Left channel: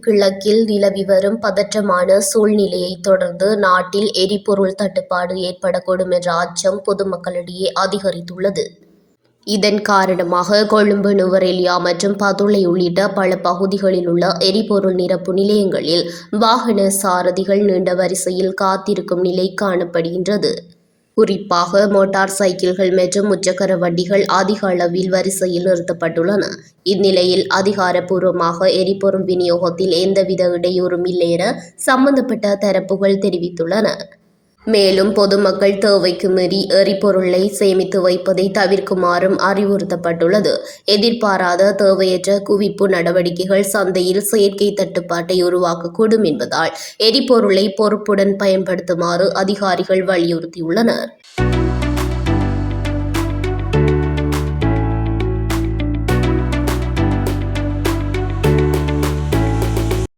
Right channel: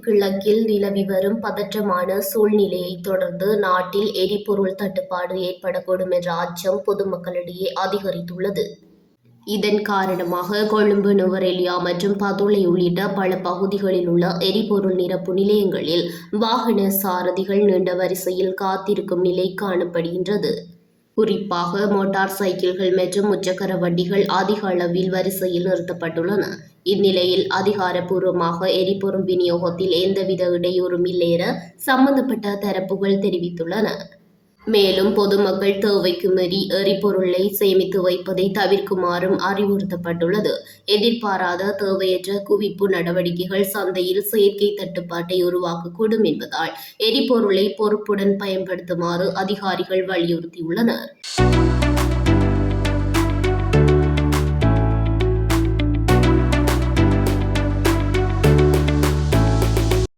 கிழக்கில் நிலவி வரும் பதற்றமான சூழ்நிலையை தொடர்ந்து நாட்டில் எரிபொருள் தட்டுப்பாடு ஏற்படக்கூடும் என்ற அச்சம் பொதுமக்களிடையே அதிகரித்துள்ளது. இதன் காரணமாக கொழும்பு, நுவரெலியா மற்றும் பதுளை உள்ளிட்ட பல பகுதிகளில் உள்ள எரிபொருள் நிரப்பு நிலையங்களில் வாகன சாரதிகள் நீண்ட வரிசையில் காத்திருக்கும் நிலை காணப்படுகின்றது. குறிப்பாக மோட்டார் சைக்கிள்கள் மற்றும் முச்சக்கர வண்டிகள் அதிக அளவில் வரிசையில் நிறுத்தப்பட்டுள்ளன. இந்நிலையில் அதிகாரப்பூர்வமாக எரிபொருள் விநியோகத்தில் எந்தவித இடையூறும் இல்லை என சம்பந்தப்பட்ட தரப்புகள் தெரிவித்துள்ளன. மேலும் பொதுமக்கள் தேவைக்கு மீறி எரிபொருளை சேமித்து வைப்பதை தவிர்க்குமாறும் அறிவுறுத்தப்பட்டுள்ளது. எதிர்பாராத தேவையற்ற குவிப்பு நடவடிக்கைகள் சந்தையில் செயற்கை தட்டுப்பாட்டை உருவாக்கக்கூடும் என்பதால் எரிபொருளை பொறுப்புடன் பயன்படுத்துமாறு அதிகாரிகள் வலியுறுத்தியுள்ளனர்.